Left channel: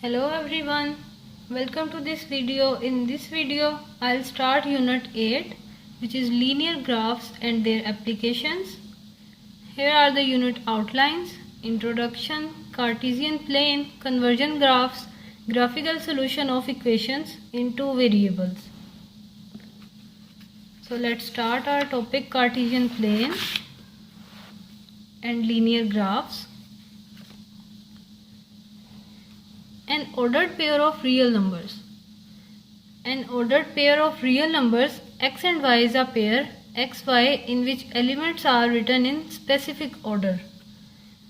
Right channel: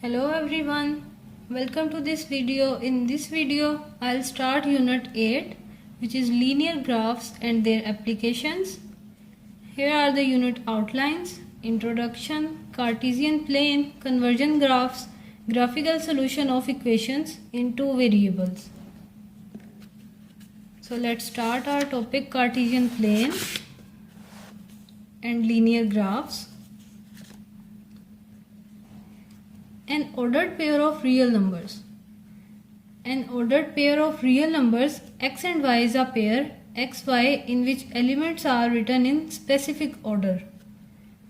Hello everyone, welcome to this video. In this video, I'll start Unit 8, which is Linear Graphs and their applications. Here are the unit outlines: Introduction, Cartesian plane, Conversion graphs, Graphical solution of equations in two variables. So let's start our topic: Cartesian plane and linear graphs. An ordered pair of real numbers. An ordered pair of real numbers x and y is a pair xy in which elements are written in specific order.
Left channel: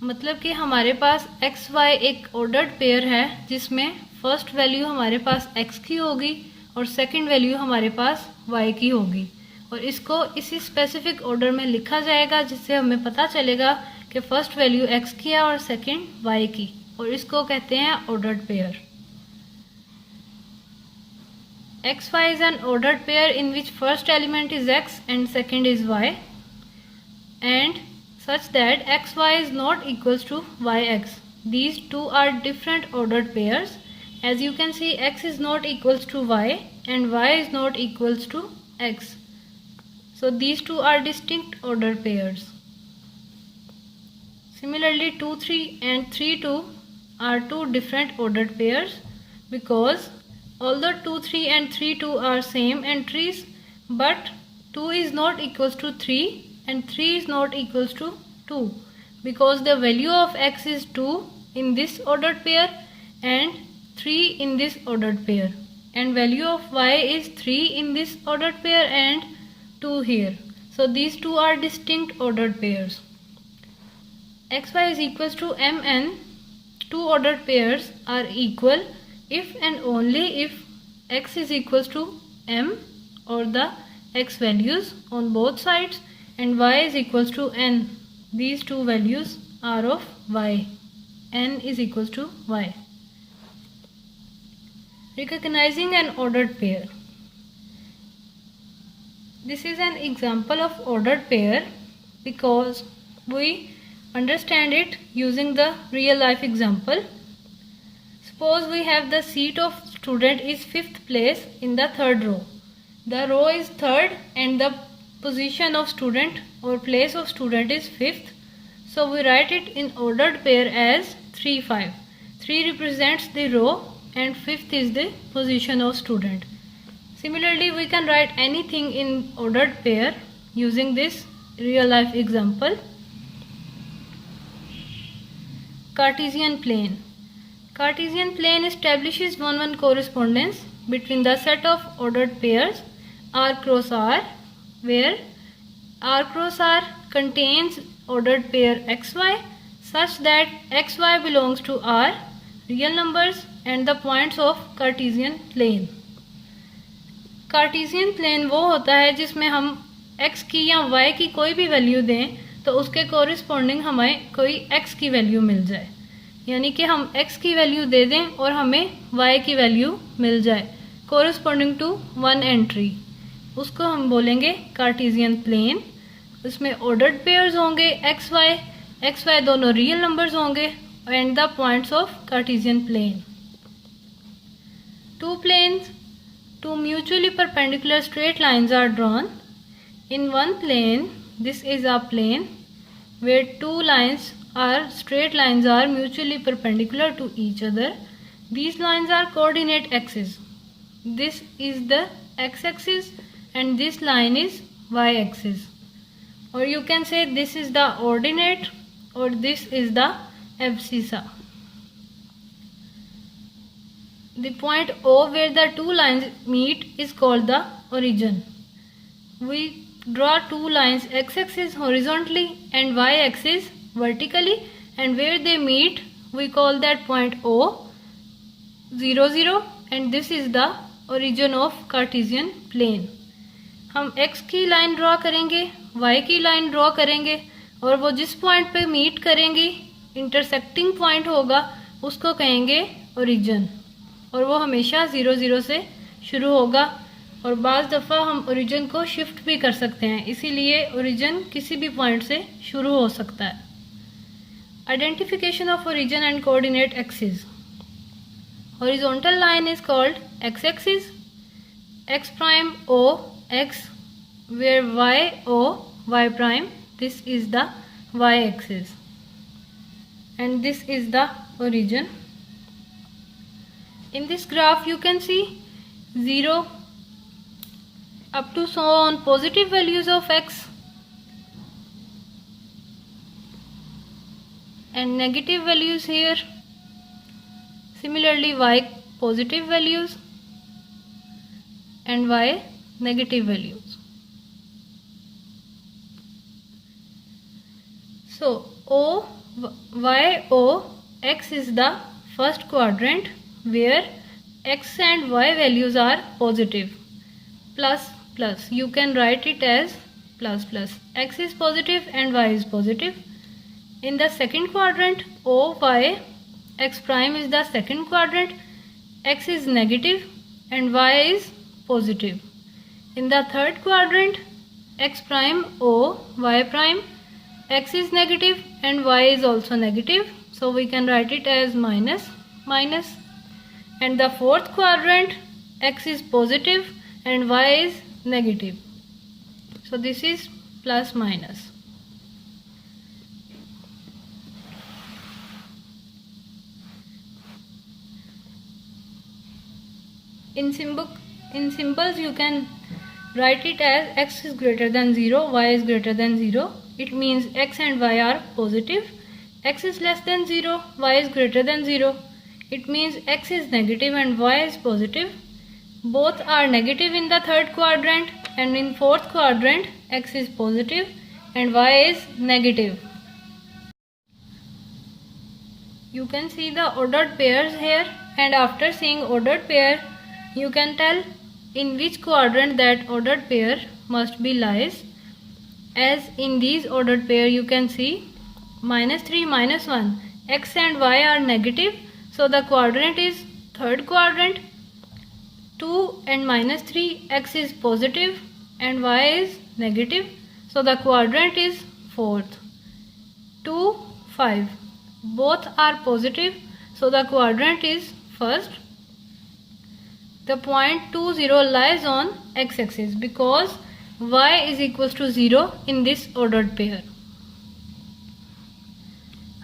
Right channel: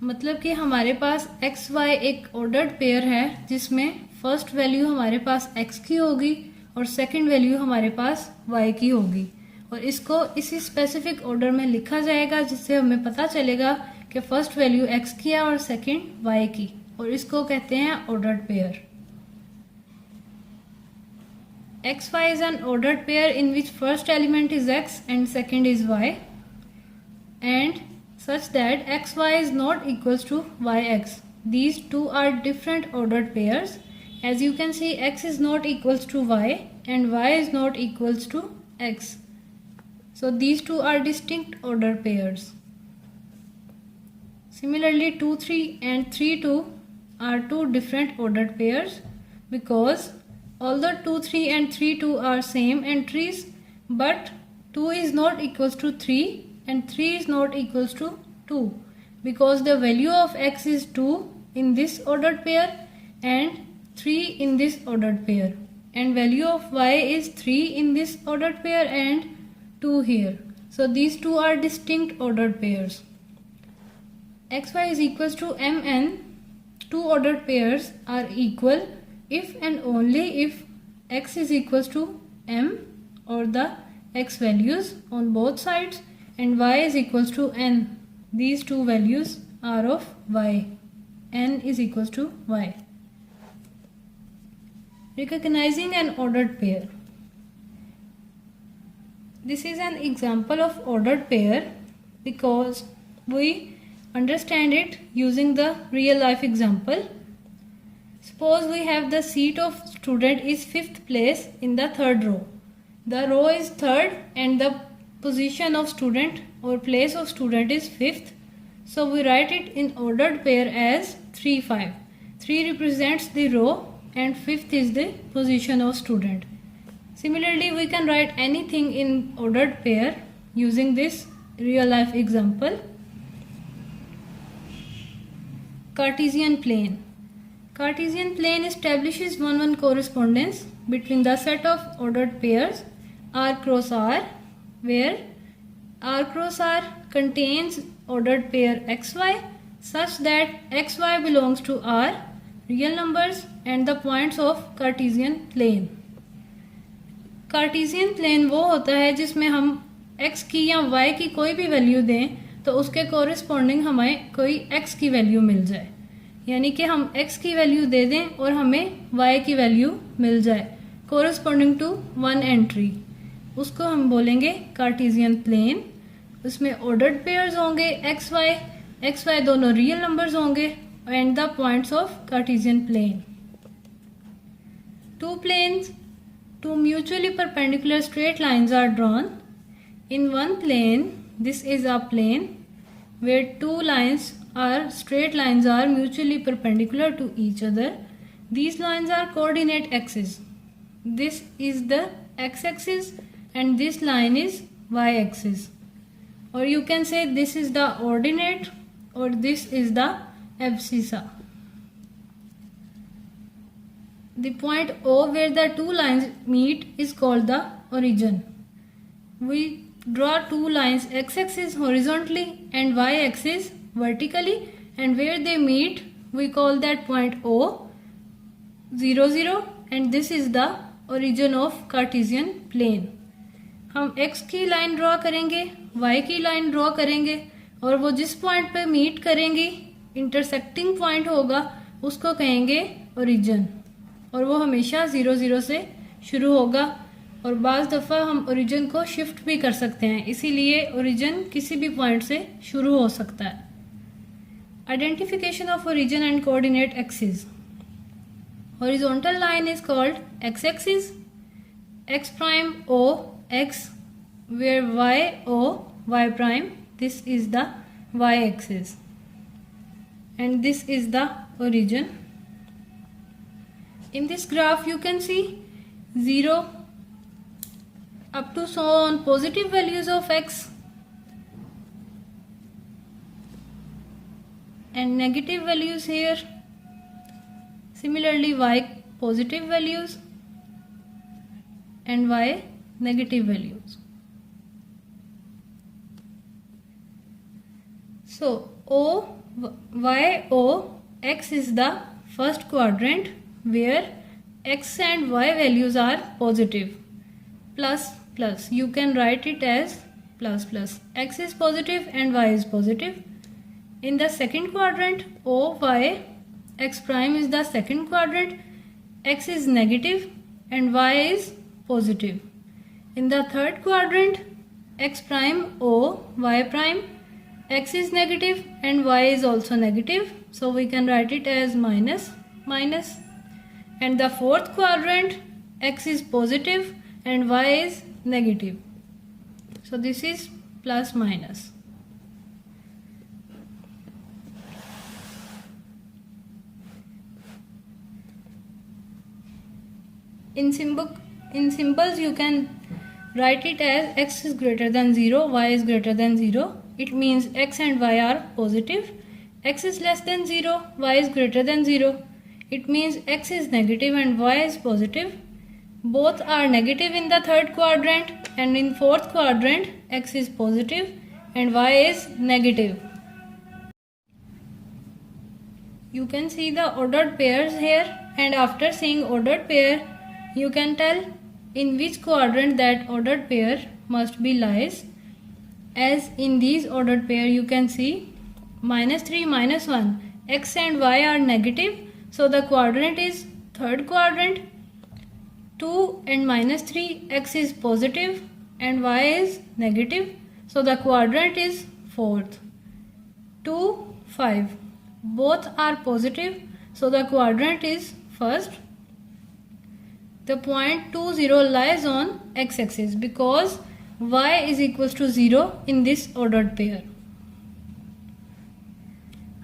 मतलब कि हमारे पास xy एक ordered pair है जिसमें first value हमारे पास x की होगी और सेकंड वैल्यू हमारे पास y की होगी, और इसको इसी स्पेसिफिक ऑर्डर में लिखा जाएगा जिससे हमें पता चलेगा कि फर्स्ट वैल्यू x की है और सेकंड y की, और इसको कहते हैं ordered pair. xy is an ordered pair in which first element is x and second is y, and such that xy is not equals to yx. These two are different ordered pairs. As you can see, x is not equals to y and y is not equals to x. So these two are distinct ordered pairs. Similarly, 2, 3 and 3, 2 are two different ordered pairs, because although 2, 3 and 3, 2 are same entries, but 2 is not equals to 3 and 3 is not equals to 2, because the value of x is 2 in this ordered pair and 3 in this ordered pair, and value of y is 3 in this ordered pair and 2 here. So these two are distinct ordered pairs. xy is equals to mn. Two ordered pairs are equal if and only if x is equals to m, or the x values on both sides, and y is equals to n. These two values are of y. N is equals to y. Recognizing an ordered pair. This is an example of ordered pair because we understand it using the real life example. Suppose we have the seat of student is 5th place in the third row. The row is third and the position of student or place of student is 5th. So we write it in ordered pair as 3, 5. 3 represents the row and 5th is the position of student. Similarly, we can write anything in ordered pair using this real life example. Cartesian plane. Cartesian plane establishes one-one correspondence between the set of ordered pairs R cross R, where R cross R contains ordered pair xy such that xy belongs to R, real numbers, and the points of Cartesian plane. Cartesian plane वो होता है जिसमें हम x की या y की कोई भी वैल्यू दें तो उसके कोरिस्पॉन्डिंग हमें कोई x की वैल्यू मिल जाए, यानी कि हम x की वैल्यू दे दें और हमें y की वैल्यू मिल जाए कोरिस्पॉन्डिंग टू वन एंट्री, उसको हम बोलेंगे कार्टेशियन प्लेन. उसमें ऑर्डर्ड पेयर्स होंगे xy दोनों रियल नंबर्स होंगे and the points of Cartesian plane. Two planes, two mutually perpendicular straight lines are drawn. In one plane, this is a plane where two lines are straight lines are mutually perpendicular to each other. These lines are coordinate axes. This is the x-axis and this line is y-axis. Or you can say this is the ordinate or this is the abscissa. The point O where the two lines meet is called the origin. We draw two lines x-axis horizontally and y-axis vertically, and where they meet we call that point O 0, 0, and this is the origin of Cartesian plane. हम x की line draw करेंगे, y की line draw करेंगे, और वो जिस point पे meet करेंगी इंटरसेक्टिंग पॉइंट होगा उसको कहेंगे ओरिजिन, और वो हमेशा 0, 0 से शुरू होगा, और बाज़ दफ़ा हम ओरिजिन को शिफ्ट भी कर सकते हैं, इसीलिए ओरिजिन किसी भी पॉइंट से शुरू हो सकता है. Identification of origin and coordinate axes. Horizontal line is called x-axis. X prime O x, where y O y prime. This is the y-axis, and this is the origin. In this graph you can see 0 up to so on positive values of x and negative values here. Similarly y positive values and y negative values. So y O x is the first quadrant where x and y values are positive. Plus plus, you can write it as plus plus. X is positive and y is positive. In the second quadrant, O y x prime is the second quadrant. X is negative and y is positive. In the third quadrant, x prime O y prime, x is negative and y is also negative, so we can write it as minus minus. And the fourth quadrant, x is positive and y is negative, so this is plus minus. In symbols you can write it as x is greater than 0, y is greater than 0. It means x and y are positive. X is less than 0, y is greater than 0. It means x is negative and y is positive. Both are negative in the third quadrant, and in fourth quadrant x is positive and y is negative. You can see the ordered pairs here, and after seeing ordered pair you can tell in which quadrant that ordered pair must be lies. As in these ordered pair you can see -3 -1, x and y are negative, so the quadrant is third quadrant. 2 and -3, x is positive and y is negative, so the quadrant is fourth. 2 5, both are positive, so the quadrant is first. The point 2 0 lies on x-axis because y is equals to 0 in this ordered pair.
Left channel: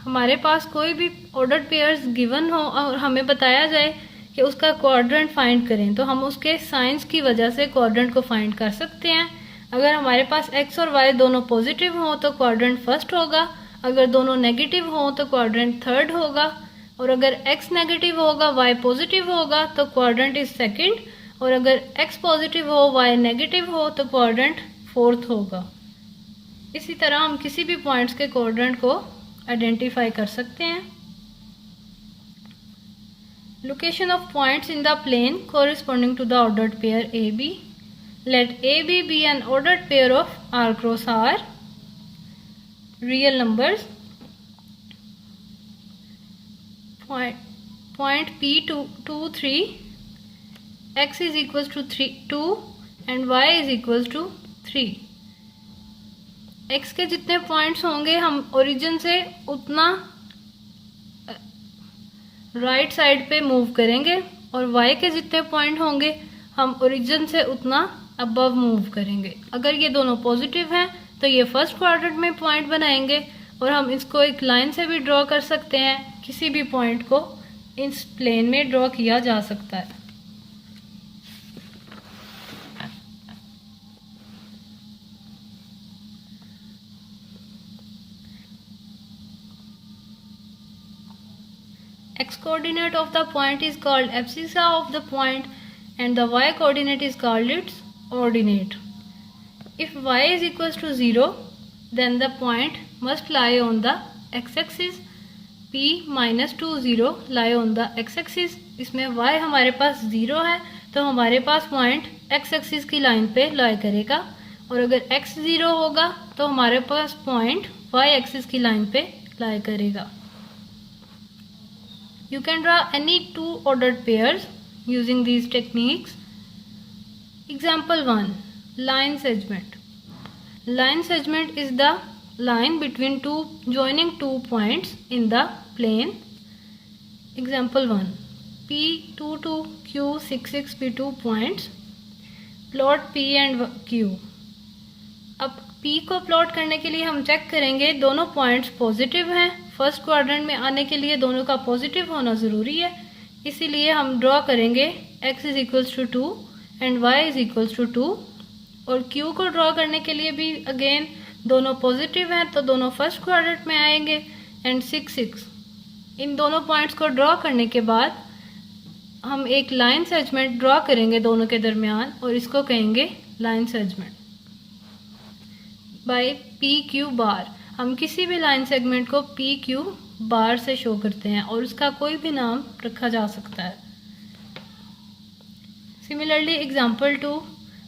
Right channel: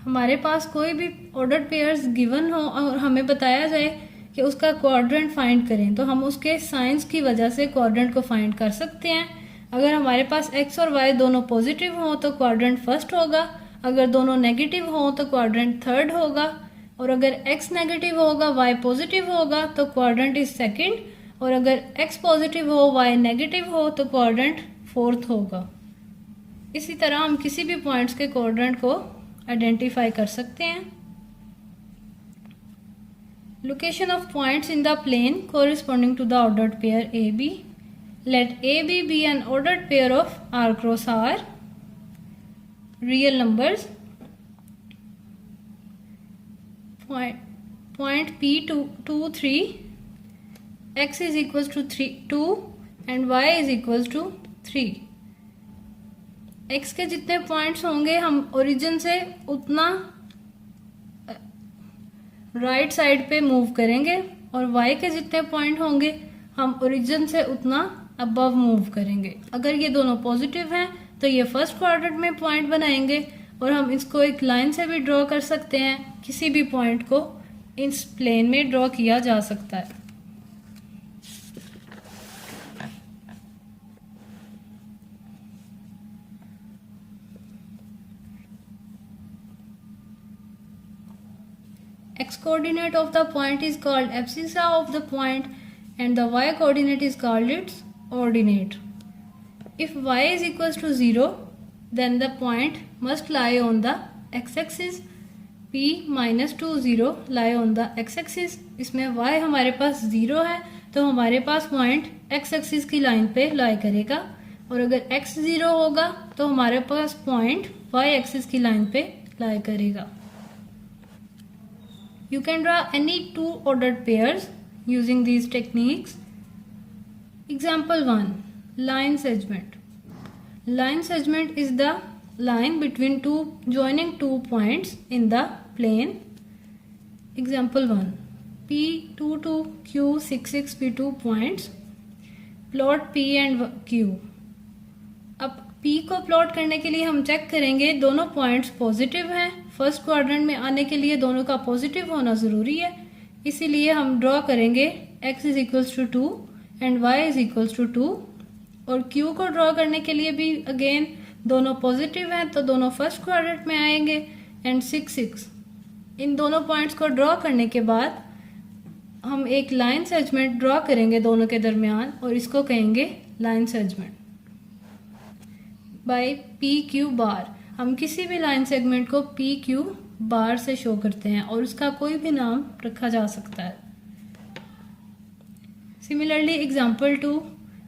हमारे पास कोई भी ordered pairs given हो और हमें बताया जाए कि उसका क्वाड्रेंट फाइंड करें, तो हम उसके साइंस की वजह से क्वाड्रेंट को फाइंड कर सकते हैं. अगर हमारे पास x और y दोनों पॉजिटिव हो तो क्वाड्रेंट फर्स्ट होगा, अगर दोनों नेगेटिव हो तो क्वाड्रेंट थर्ड होगा, और अगर x नेगेटिव होगा y पॉजिटिव होगा तो क्वाड्रेंट इज सेकंड, और अगर x पॉजिटिव हो y नेगेटिव हो तो क्वाड्रेंट फोर्थ होगा. इसी तरह हम किसी भी पॉइंट्स के क्वाड्रेंट को आइडेंटिफाई कर सकते हैं. Location of points in the plane corresponding to the ordered pair AB. Let AB be an ordered pair of R cross R real numbers. Point P2 3, x is equals to 2 and y is equals to 3. x के जितने points होंगे हम origin से उतना right side पे move करेंगे, और y के जितने पॉइंट होंगे हम ओरिजिन से उतना अबव मूव करेंगे. अगर ये दोनों पॉजिटिव हैं तो ये फर्स्ट क्वाड्रेंट में पॉइंट बनाएंगे, और हम इसको एक लाइन से भी ड्रॉ कर सकते हैं. किसी भी पॉइंट को इस प्लेन में ड्रॉ किया जा सकता है. X coordinate of the point is called abscissa of the point and the y coordinate is called its ordinate. If y is equals to 0, then the point must lie on the x-axis. P -2 0 lie on the x-axis. इसमें y हमारे पास 0 है तो हमारे पास point x-axis की line पे लाई करेगा, और अगर x 0 होगा तो हमारे पास पॉइंट y-axis की लाइन पे लाई करेगा. You can draw any two ordered pairs using these techniques. Example 1. Line segment. Line segment is the line between joining two points in the plane. Example 1. P2 to Q66 P2 points. Plot P and Q. अब P को plot करने के लिए हम check करेंगे दोनों points positive हैं। First quadrant में आने के लिए दोनों का पॉजिटिव होना ज़रूरी है, इसीलिए हम ड्रॉ करेंगे x is equals to 2 and y is equals to 2। और Q को ड्रॉ करने के लिए भी अगेन दोनों पॉजिटिव हैं तो दोनों फर्स्ट क्वाड्रेंट में आएंगे एंड 6 6। इन दोनों पॉइंट्स को ड्रॉ करने के बाद हम एक लाइन सेगमेंट ड्रॉ करेंगे दोनों के दरमियान और इसको कहेंगे लाइन सेगमेंट बाय PQ बार। हम किसी भी लाइन सेगमेंट को PQ बार से शो करते हैं और उसका कोई भी नाम रखा जा सकता है। सिमिलरली एग्जांपल 2,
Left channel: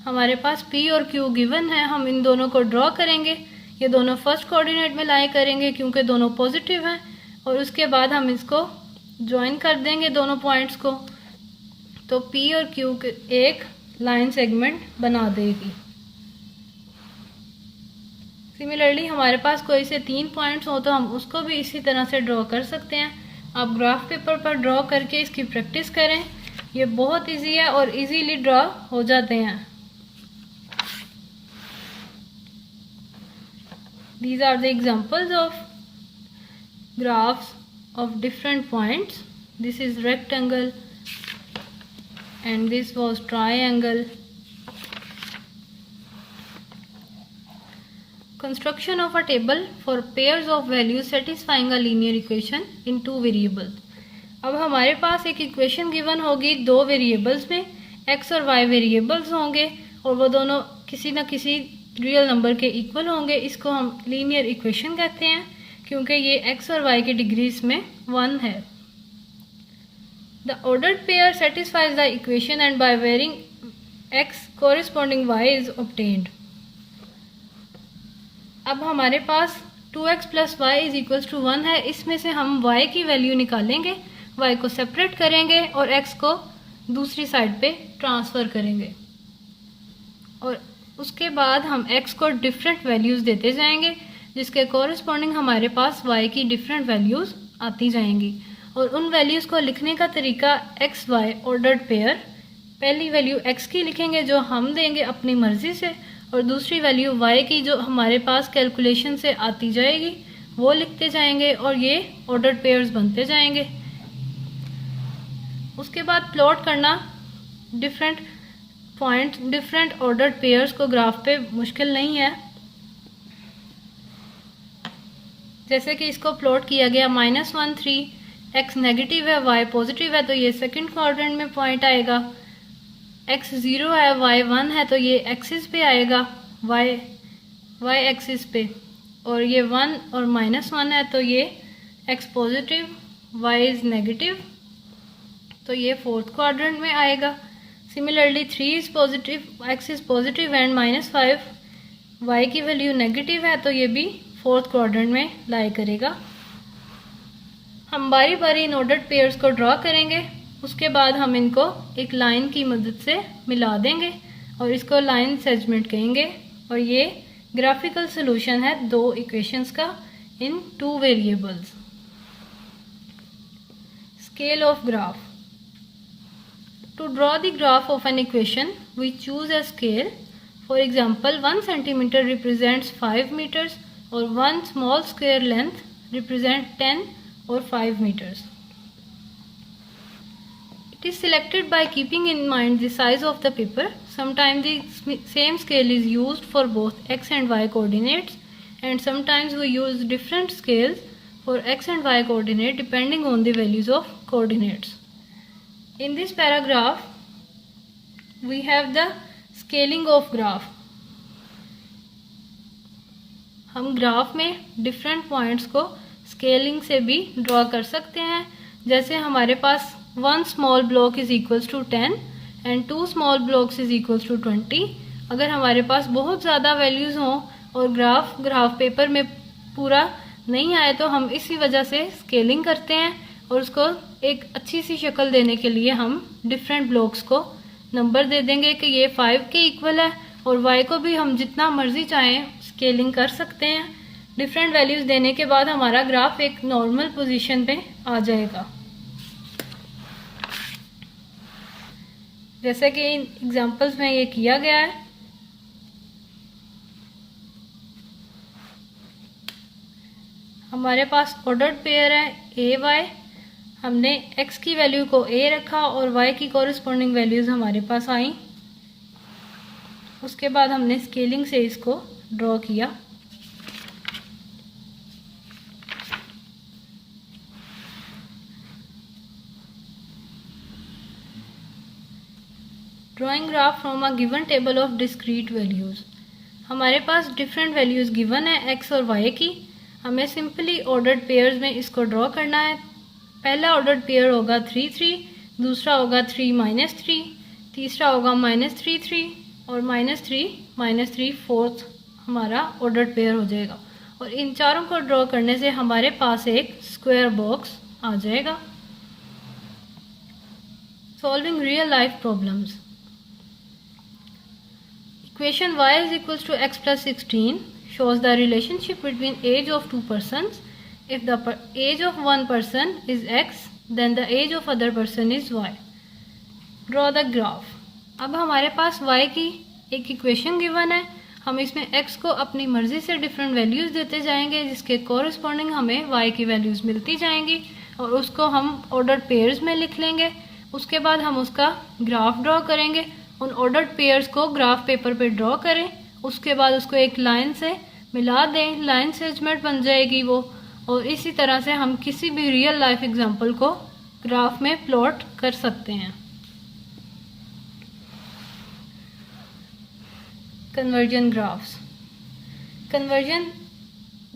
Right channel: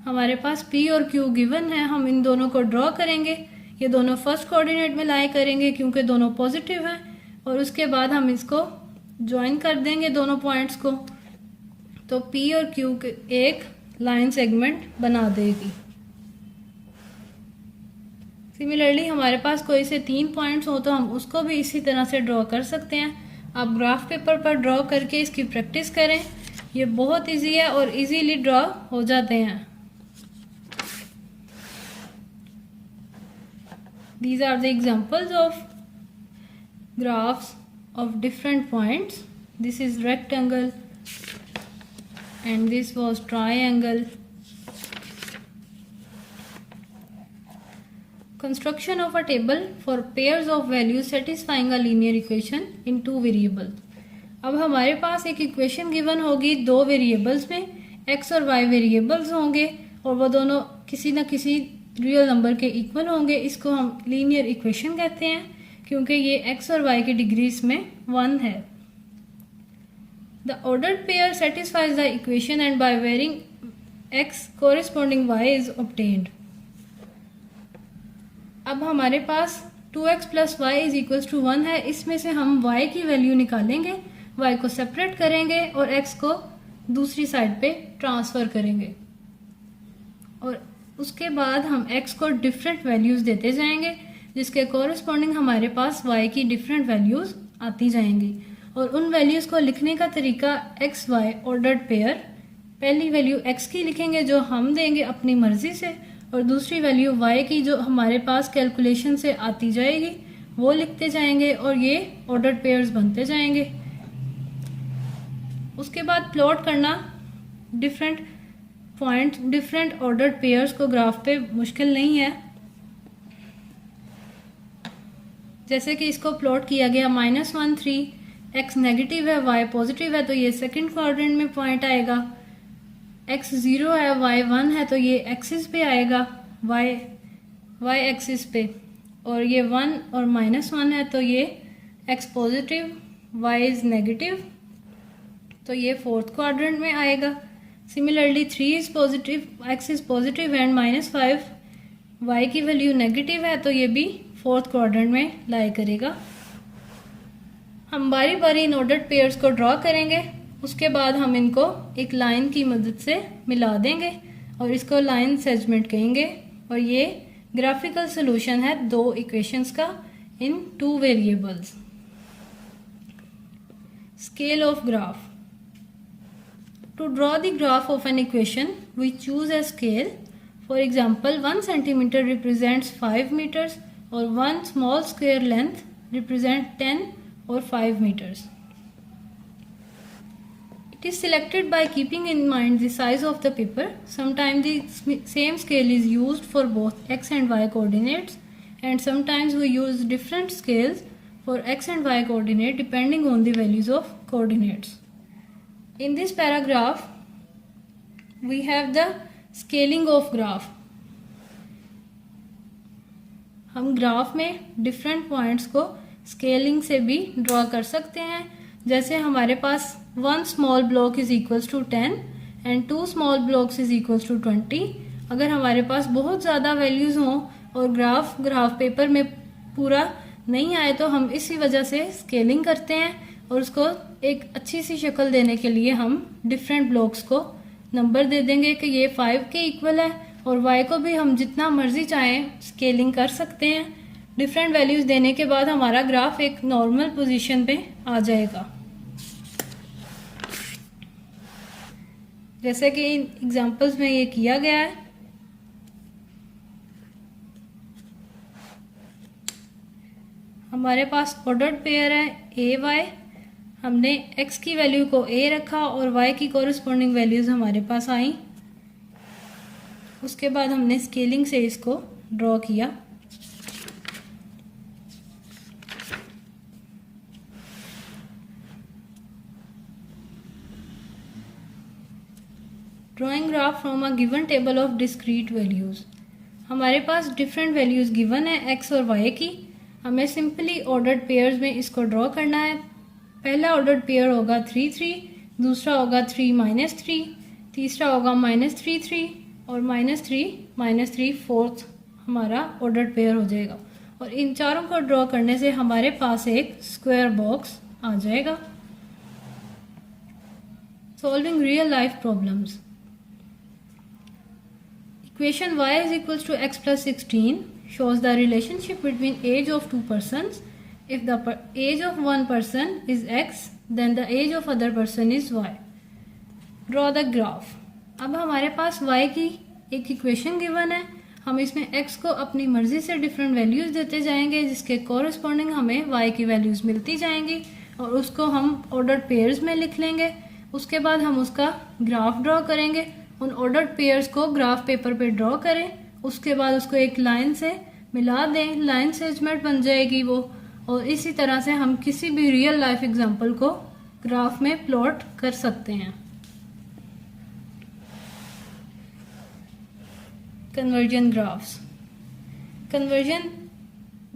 हमारे पास P और Q गिवन है, हम इन दोनों को ड्रॉ करेंगे। ये दोनों फर्स्ट कोऑर्डिनेट में लाई करेंगे क्योंकि दोनों पॉजिटिव हैं और उसके बाद हम इसको ज्वाइन कर देंगे दोनों पॉइंट्स को, तो P और Q एक लाइन सेगमेंट बना देगी। सिमिलरली हमारे पास कोई से 3 पॉइंट्स हो तो हम उसको भी इसी तरह से ड्रॉ कर सकते हैं। आप ग्राफ पेपर पर ड्रॉ करके इसकी प्रैक्टिस करें, ये बहुत इजी है और इजीली ड्रॉ हो जाते हैं। These are the examples of graphs of different points. This is rectangle and this was triangle. Construction of a table for pairs of values satisfying a linear equation in 2 variables. अब हमारे पास एक equation given होगी 2 variables में, x और y variables होंगे और वो दोनों किसी न किसी रियल नंबर के इक्वल होंगे। इसको हम लीनियर इक्वेशन कहते हैं क्योंकि ये x और y की डिग्रीज में 1 है। The ordered pair satisfies the equation and by varying x corresponding y is obtained. अब हमारे पास 2x plus y is equals to 1 है, इसमें से हम y की वैल्यू निकालेंगे, y को सेपरेट करेंगे और x को दूसरी साइड पे ट्रांसफ़र करेंगे और उसके बाद हम x को डिफरेंट वैल्यूज़ देते जाएंगे जिसके कॉरस्पॉन्डिंग हमारे पास y की डिफरेंट वैल्यूज़ आती जाएंगी। और उन वैल्यूज़ को लिखने का तरीका x y ऑर्डर्ड पेयर, पहली वैल्यू x की लिखेंगे जो हम देंगे अपनी मर्ज़ी से और दूसरी वैल्यू y की जो हमारे पास कैलकुलेशन से आती जाएगी वो लिखते जाएंगे और ये ऑर्डर्ड पेयर्स बनते जाएंगे। उसके बाद प्लॉट करना different point different ordered pairs को ग्राफ पे मुश्किल नहीं है। जैसे कि इसको प्लॉट किया गया -1 3, x नेगेटिव है y पॉजिटिव है तो ये सेकंड क्वाड्रेंट में पॉइंट आएगा, x 0 है y 1 है तो ये एक्सिस पे आएगा y एक्सिस पे, और ये 1 और -1 है तो ये x positive y is negative तो ये फोर्थ क्वाड्रेंट में आएगा। Similarly 3 is positive, x is positive and -5 y की वैल्यू नेगेटिव है तो ये भी फोर्थ क्वाड्रेंट में लाई करेगा। हम बारी बारी इन ऑर्डर्ड पेयर्स को ड्रॉ करेंगे, उसके बाद हम इनको एक लाइन की मदद से मिला देंगे और इसको लाइन सेगमेंट कहेंगे और ये ग्राफिकल सॉल्यूशन है 2 इक्वेशंस का in 2 variables. Scale of graph. To draw the graph of an equation we choose a scale. For example 1 centimetre represents 5 metres और 1 small square length represent 10 or 5 meters. It is selected by keeping in mind the size of the paper. Sometimes the same scale is used for both x and y coordinates and sometimes we use different scales for x and y coordinate depending on the values of coordinates. In this paragraph we have the scaling of graph. हम graph में different points को scaling से भी draw कर सकते हैं। जैसे हमारे पास 1 small block is equals to 10 and 2 small blocks is equals to 20। अगर हमारे पास बहुत ज़्यादा वैल्यूज़ हों और ग्राफ पेपर में पूरा नहीं आए तो हम इसी वजह से स्केलिंग करते हैं और उसको एक अच्छी सी शक्ल देने के लिए हम डिफरेंट ब्लॉक्स को नंबर दे देंगे कि ये 5 के इक्वल है और y को भी हम जितना मर्जी चाहें स्केलिंग कर सकते हैं। डिफरेंट वैल्यूज देने के बाद हमारा ग्राफ एक नॉर्मल पोजीशन पे आ जाएगा। जैसे कि इन एग्जांपल्स में ये किया गया है। हमारे पास ऑर्डर्ड पेयर है ए वाई, हमने x की वैल्यू को a रखा और y की कॉरस्पॉन्डिंग वैल्यूज हमारे पास आई। उसके बाद हमने स्केलिंग से इसको ड्रॉ किया। Drawing graph from a given table of discrete values. हमारे पास डिफरेंट वैल्यूज गिवन है x और y की। हमें सिंपली ऑर्डर्ड पेयर्स में इसको ड्रॉ करना है। पहला ऑर्डर्ड पेयर होगा 3 3, दूसरा होगा 3 -3, तीसरा होगा -3 3 और -3 -3 फोर्थ हमारा ऑर्डर्ड पेयर हो जाएगा। और इन चारों को ड्रॉ करने से हमारे पास एक स्क्वायर बॉक्स आ जाएगा। Solving real life problems. Equation y is equals to x plus 16 shows the relationship between age of two persons. If the age of one person is x, then the age of other person is y. Draw the graph. अब हमारे पास y की एक equation given है। हम इसमें x को अपनी मर्जी से डिफरेंट वैल्यूज देते जाएंगे, जिसके कॉरस्पॉन्डिंग हमें y की वैल्यूज मिलती जाएंगी और उसको हम ऑर्डर्ड पेयर्स में लिख लेंगे। उसके बाद हम उसका ग्राफ ड्रॉ करेंगे। उन ऑर्डर्ड पेयर्स को ग्राफ पेपर पे ड्रॉ करें, उसके बाद उसको एक लाइन से मिला दें, लाइन सेगमेंट बन जाएगी वो। और इसी तरह से हम किसी भी रियल लाइफ एग्जांपल को ग्राफ में प्लॉट कर सकते हैं। Conversion graphs. Conversion,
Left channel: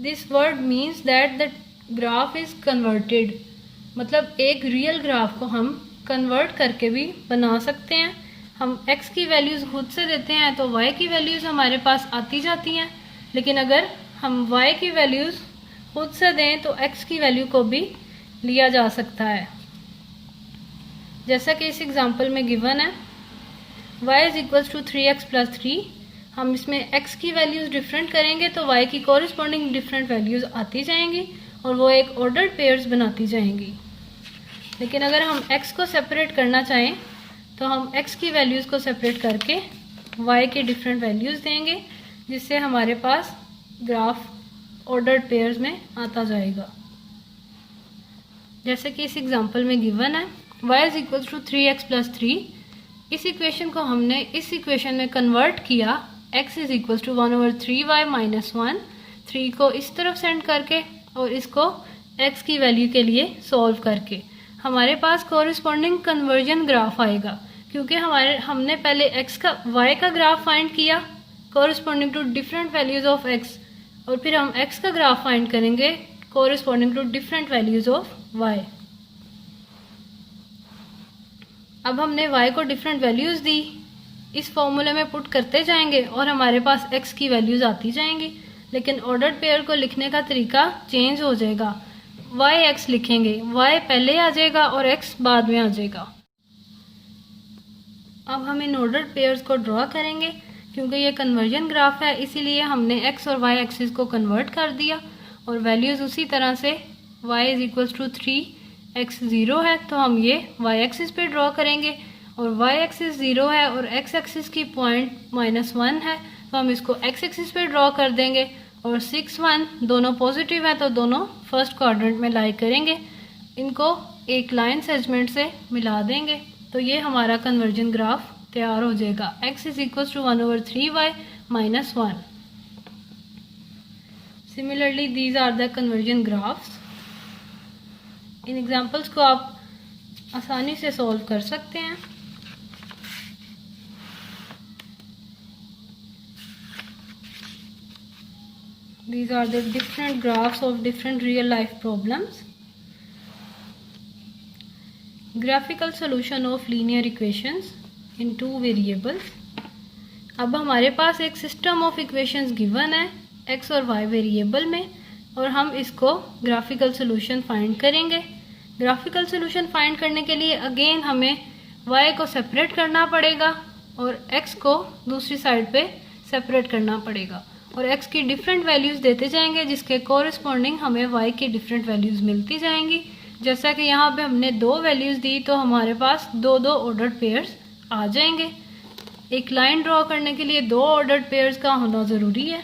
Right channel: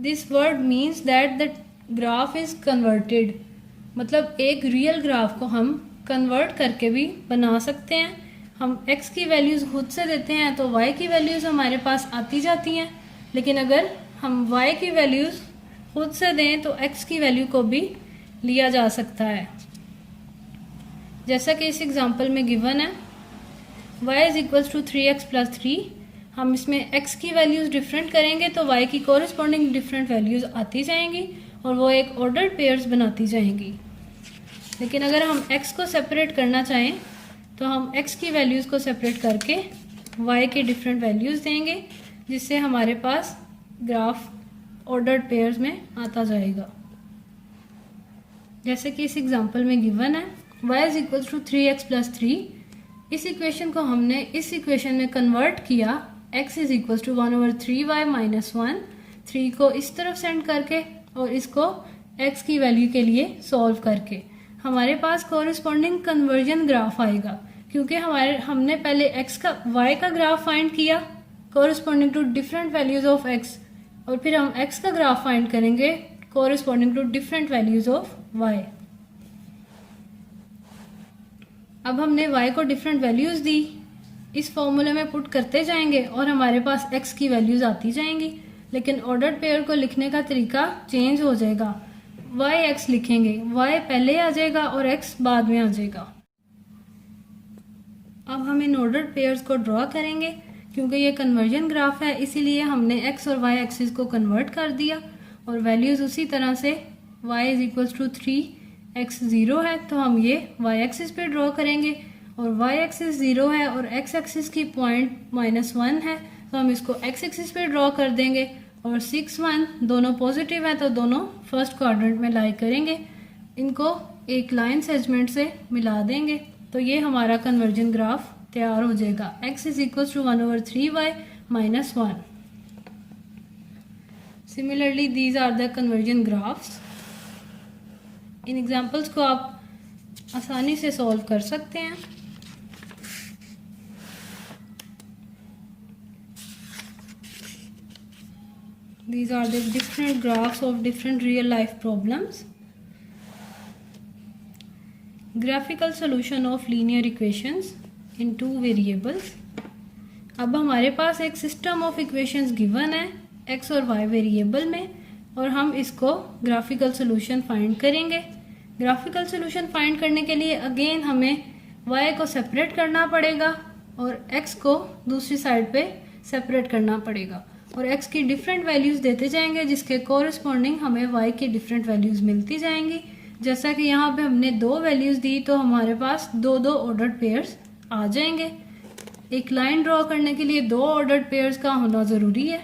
this word means that the graph is converted, मतलब एक रियल ग्राफ को हम कन्वर्ट करके भी बना सकते हैं। हम x की वैल्यूज खुद से देते हैं तो y की वैल्यूज हमारे पास आती जाती हैं, लेकिन अगर हम y की वैल्यूज खुद से दें तो x की वैल्यू को भी लिया जा सकता है। जैसा कि इस एग्जांपल में गिवन है y is equals to 3x plus 3। हम इसमें x की वैल्यूज डिफरेंट करेंगे तो y की कॉरस्पॉन्डिंग डिफरेंट वैल्यूज आती जाएंगी और वो एक ऑर्डर्ड पेयर्स बनाती जाएंगी। लेकिन अगर हम x को सेपरेट करना चाहें तो हम x की वैल्यूज़ को सेपरेट करके y के डिफरेंट वैल्यूज़ देंगे, जिससे हमारे पास ग्राफ ऑर्डर्ड पेयर्स में आता जाएगा। जैसे कि इस एग्जांपल में गिवन है y is equal to 3x plus 3। इस इक्वेशन को हमने इस इक्वेशन में कन्वर्ट किया, x is equal to 1/3y minus 1, 3 को इस तरफ सेंड करके और इसको x की वैल्यू के लिए सॉल्व करके हमारे पास कॉरस्पॉन्डिंग कन्वर्जन ग्राफ आएगा। क्योंकि हमने पहले y का ग्राफ फाइंड किया corresponding to different values of x, और फिर हम x का ग्राफ फाइंड करेंगे corresponding to different values of y। अब हमने y को डिफरेंट वैल्यूज दी, इस फॉर्मूले में पुट करते जाएंगे और हमारे पास x की वैल्यूज आती जाएंगी। लेकिन ऑर्डर्ड पेयर को लिखने का तरीका चेंज हो जाएगा। y x लिखेंगे, y पहले आ जाएगा और x बाद में आ जाएगा। अब हम इन ऑर्डर्ड पेयर्स को ड्रॉ करेंगे। क्योंकि ये कन्वर्जन ग्राफ है इसीलिए हमने x और y एक्सिस को कन्वर्ट कर दिया और वैल्यूज उसी तरह से y is equals to 3x 0 है तो हम ये y एक्सिस पे ड्रॉ करेंगे और y एक्सिस 0 है और x एक्सिस की पॉइंट -1 है तो हम इसको x एक्सिस पे ड्रॉ कर देंगे। और 6 1 दोनों पॉजिटिव है तो दोनों फर्स्ट क्वाड्रेंट में लाई करेंगे, इनको एक लाइन सेगमेंट से मिला देंगे तो ये हमारा कन्वर्जन ग्राफ तैयार हो जाएगा। x is equal to 1/3y minus 1। Similarly these are the conversion graphs. इन एग्जांपल्स को आप आसानी से सॉल्व कर सकते हैं। These are the different graphs of different real life problems. Graphical solution of linear equations in two variables. अब हमारे पास एक सिस्टम ऑफ इक्वेशंस गिवन है x और y वेरिएबल में और हम इसको ग्राफिकल सोल्यूशन फाइंड करेंगे। ग्राफिकल सोल्यूशन फाइंड करने के लिए अगेन हमें y को सेपरेट करना पड़ेगा और x को दूसरी साइड पे सेपरेट करना पड़ेगा और x की डिफरेंट वैल्यूज देते जाएंगे जिसके कॉरस्पॉन्डिंग हमें y की डिफरेंट वैल्यूज मिलती जाएंगी। जैसा कि यहाँ पे हमने 2 वैल्यूज दी तो हमारे पास 2 ऑर्डर्ड पेयर्स आ जाएंगे। एक लाइन ड्रॉ करने के लिए 2 ऑर्डर्ड पेयर्स का होना ज़रूरी है।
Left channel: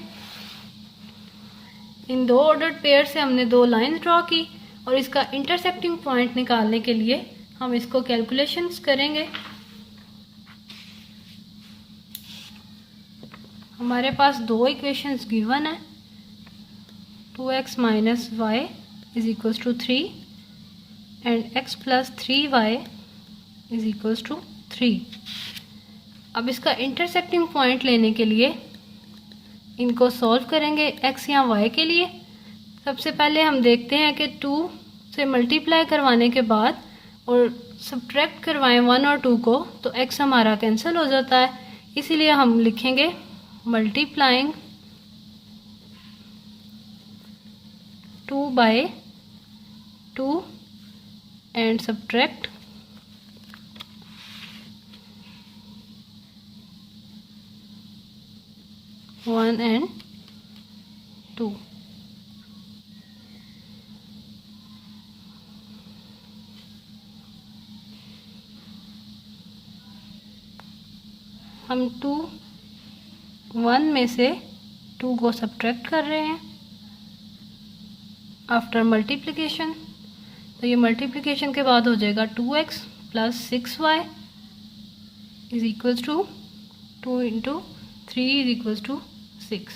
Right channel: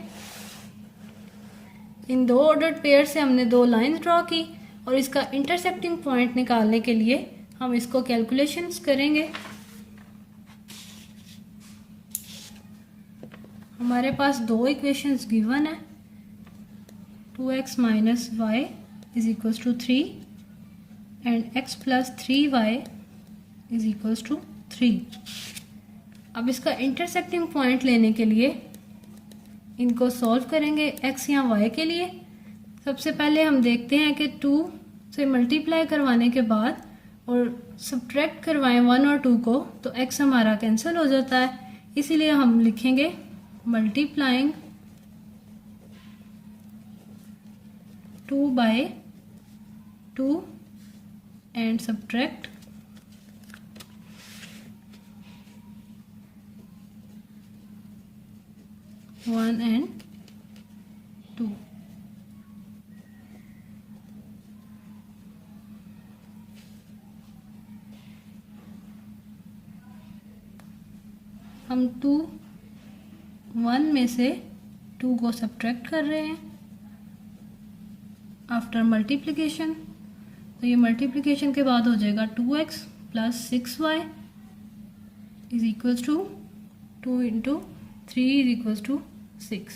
इन 2 ऑर्डर्ड पेयर से हमने 2 लाइंस ड्रॉ की और इसका इंटरसेक्टिंग पॉइंट निकालने के लिए हम इसको कैलकुलेशंस करेंगे। हमारे पास 2 इक्वेशंस गिवन है, 2x minus y is equals to 3 and x plus 3y is equals to 3। अब इसका इंटरसेक्टिंग पॉइंट लेने के लिए इनको सॉल्व करेंगे x या y के लिए। सबसे पहले हम देखते हैं कि 2 से मल्टीप्लाई करवाने के बाद और सब्ट्रैक्ट करवाएं 1 और 2 को तो x हमारा कैंसिल हो जाता है, इसीलिए हम लिखेंगे multiplying 2 by 2 and subtract 1 and 2। हम 1 में से 2 को सब्ट्रैक्ट कर रहे हैं आफ्टर मल्टीप्लिकेशन, तो ये मल्टीप्लिकेशन के बाद हो जाएगा 2x plus 6y is equals to 2 into 3 is equals to 6।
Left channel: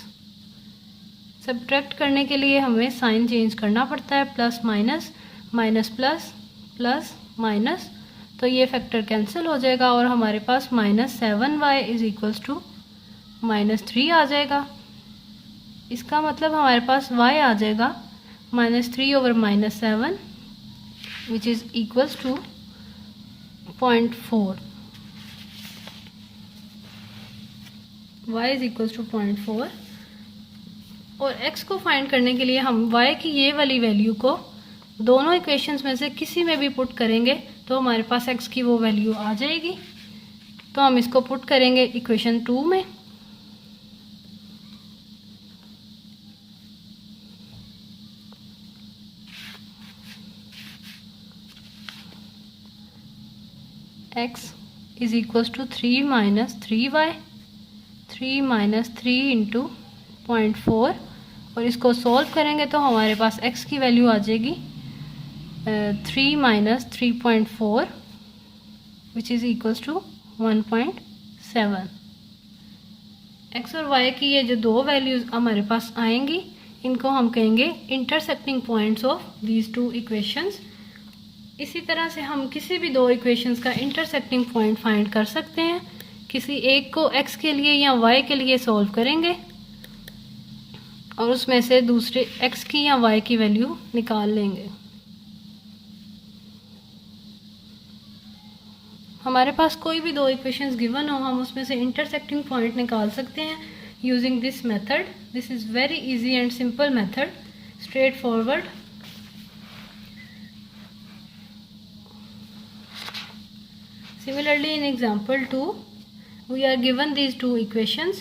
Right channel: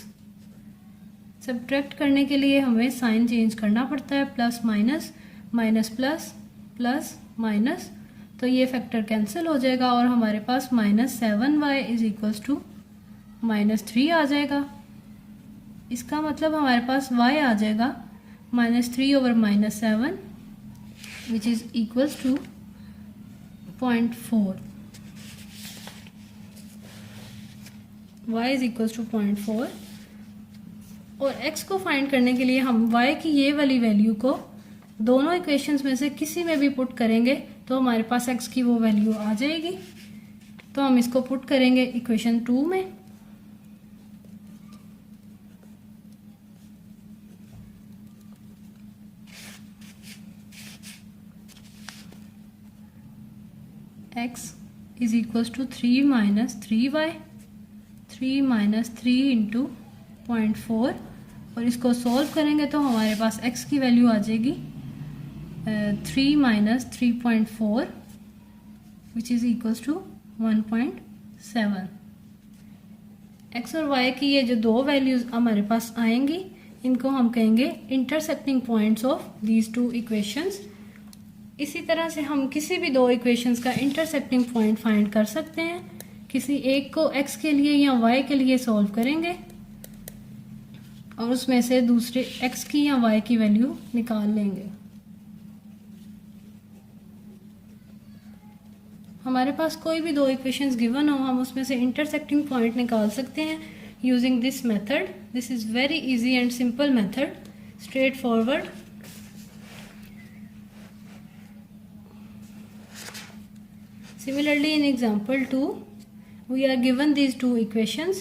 Subtract करने के लिए हमें साइन चेंज करना पड़ता है, plus minus, minus plus, plus minus, तो ये फैक्टर कैंसिल हो जाएगा और हमारे पास -7y इज इक्वल्स टू -3 आ जाएगा। इसका मतलब हमारे पास y आ जाएगा -3 over -7 which is equals to 0.4। y is equals to 0.4 और x को फाइंड करने के लिए हम y की ये वाली वैल्यू को दोनों इक्वेशंस में से किसी में भी पुट करेंगे तो हमारे पास x की वो वैल्यू आ जाएगी। तो हम इसको पुट करेंगे इक्वेशन 2 में। x is equals to 3 minus 3y, 3 minus 3 into 0.4 और इसको सॉल्व करेंगे तो हमारे पास x की वैल्यू आ जाएगी 3 minus 3.4 which is equals to 1.7। x और y की ये जो 2 वैल्यूज़ हमारे पास आएंगी इनको हम कहेंगे intersecting points of these 2 equations. इसी तरह से हम किसी भी 2 इक्वेशंस का इंटरसेक्टिंग पॉइंट फाइंड कर सकते हैं। किसी एक को x के लिए या y के लिए सॉल्व करेंगे और उसमें से दूसरे x की या y की वैल्यू निकाल लेंगे। हमारे पास कोई भी 2 इक्वेशंस गिवन हो हम उसमें से इंटरसेक्टिंग पॉइंट निकाल सकते हैं using this method. This is very easy and simple method, straight forward. Similarly in example 2 we are given these 2 equations।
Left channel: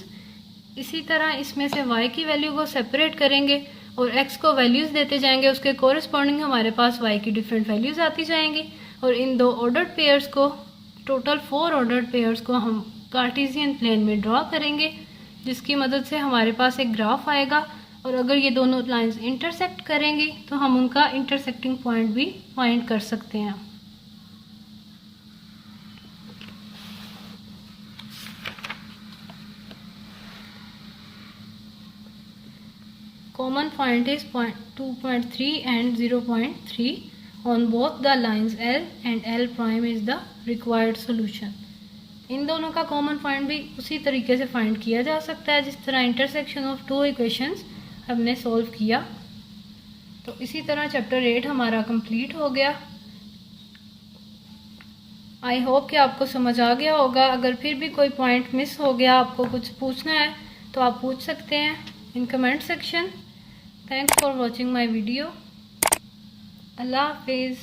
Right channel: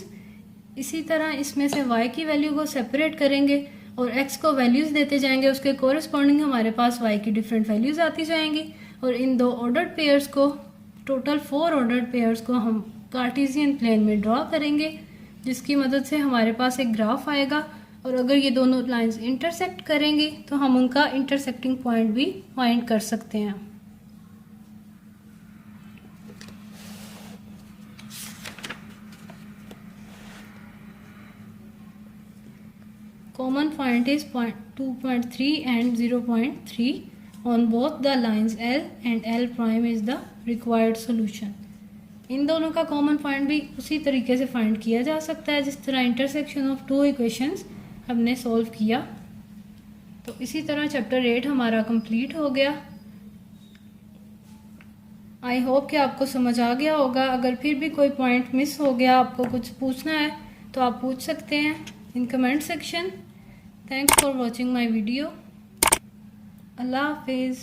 इसी तरह इसमें से y की वैल्यू को सेपरेट करेंगे और x को वैल्यूज़ देते जाएंगे, उसके कोरिस्पॉन्डिंग हमारे पास y की डिफरेंट वैल्यूज़ आती जाएंगी और इन 2 ऑर्डर्ड पेयर्स को, टोटल 4 ऑर्डर्ड पेयर्स को हम कार्टेशियन प्लेन में ड्रॉ करेंगे जिसकी मदद से हमारे पास एक ग्राफ आएगा और अगर ये दोनों लाइंस इंटरसेक्ट करेंगी तो हम उनका इंटरसेक्टिंग पॉइंट भी फाइंड कर सकते हैं। Common point is 2.3 and 0.3 on both the lines L and L prime is the required solution। इन दोनों का कॉमन पॉइंट भी उसी तरीके से फाइंड किया जा सकता है जिस तरह इंटरसेक्शन ऑफ 2 इक्वेशंस हमने सॉल्व किया। तो इसी तरह चैप्टर 8 हमारा कंप्लीट हो गया। आई होप कि आपको समझ आ गया होगा। अगर फिर भी कोई पॉइंट मिस हो गया, आपको कुछ पूछना है तो आप पूछ सकते हैं in comment section. Thanks for watching my video. Allah Hafiz.